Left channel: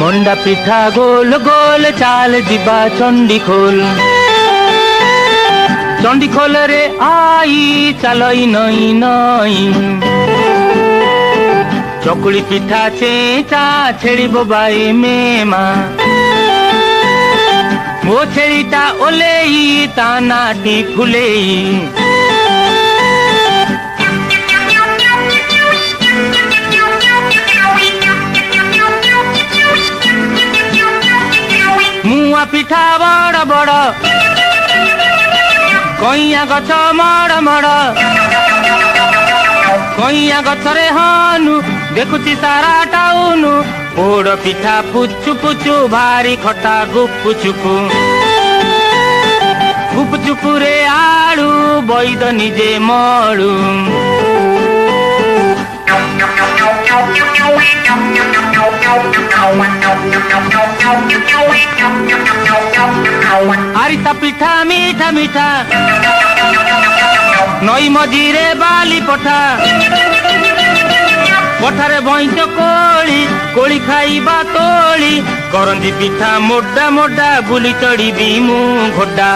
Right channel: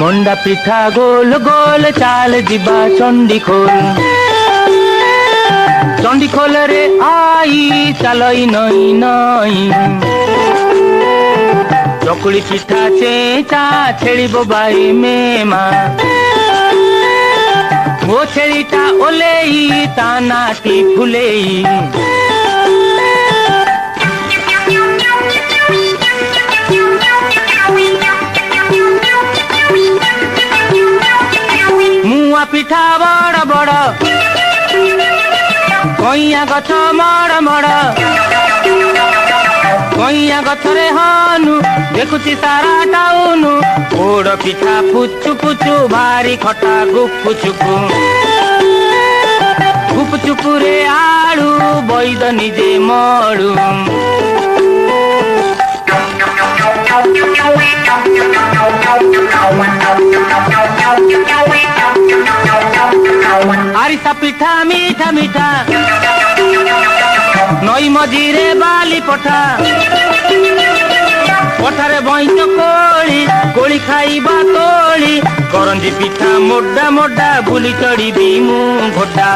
মন্ডা পিঠা গোল গোল চাল দিবা চণ্ডীখোল চণ্ডীখোল রে আই চালই নই নই চকুଳି পিঠা চেঁচা ଛେଳିବ ବାଇ ମେମା ମୋ ଛେଳିଟା ଓଲେଇ ତା ନାଟି ଫୁଲେଇ ମୁଆଁ ପିଠା ବଡ଼ ବଡ଼ କଇଁଆ ଗଛ ମଡ଼ ମଡ଼ କଇଁଆ ଗଛରେ ହନୁ ଦେଖୁଛି ସାରା ଟାଉନୁ ପୋଡ଼ ପିଠା ପୁଚୁ ପୁଚୁ ଭାରି ଖଟା ଗୁପୁ ଚୁପୁ ଗୁପୁ ଚୁପୁରେ ଆଳୁ ବୈଦ ନିଜେ ମଳୁ আরিসা পিঠা মিঠা মিঠা নই মঝিরে বালি পঠা পঠারে বইঁচ কোଳି কোଳି খাইবা তোଳି କରଞ୍ଜି ପିଠା ମୋଡା ମୋଡା ବୁଲି ଚଢିବି ମୁଁ ଘୋଡା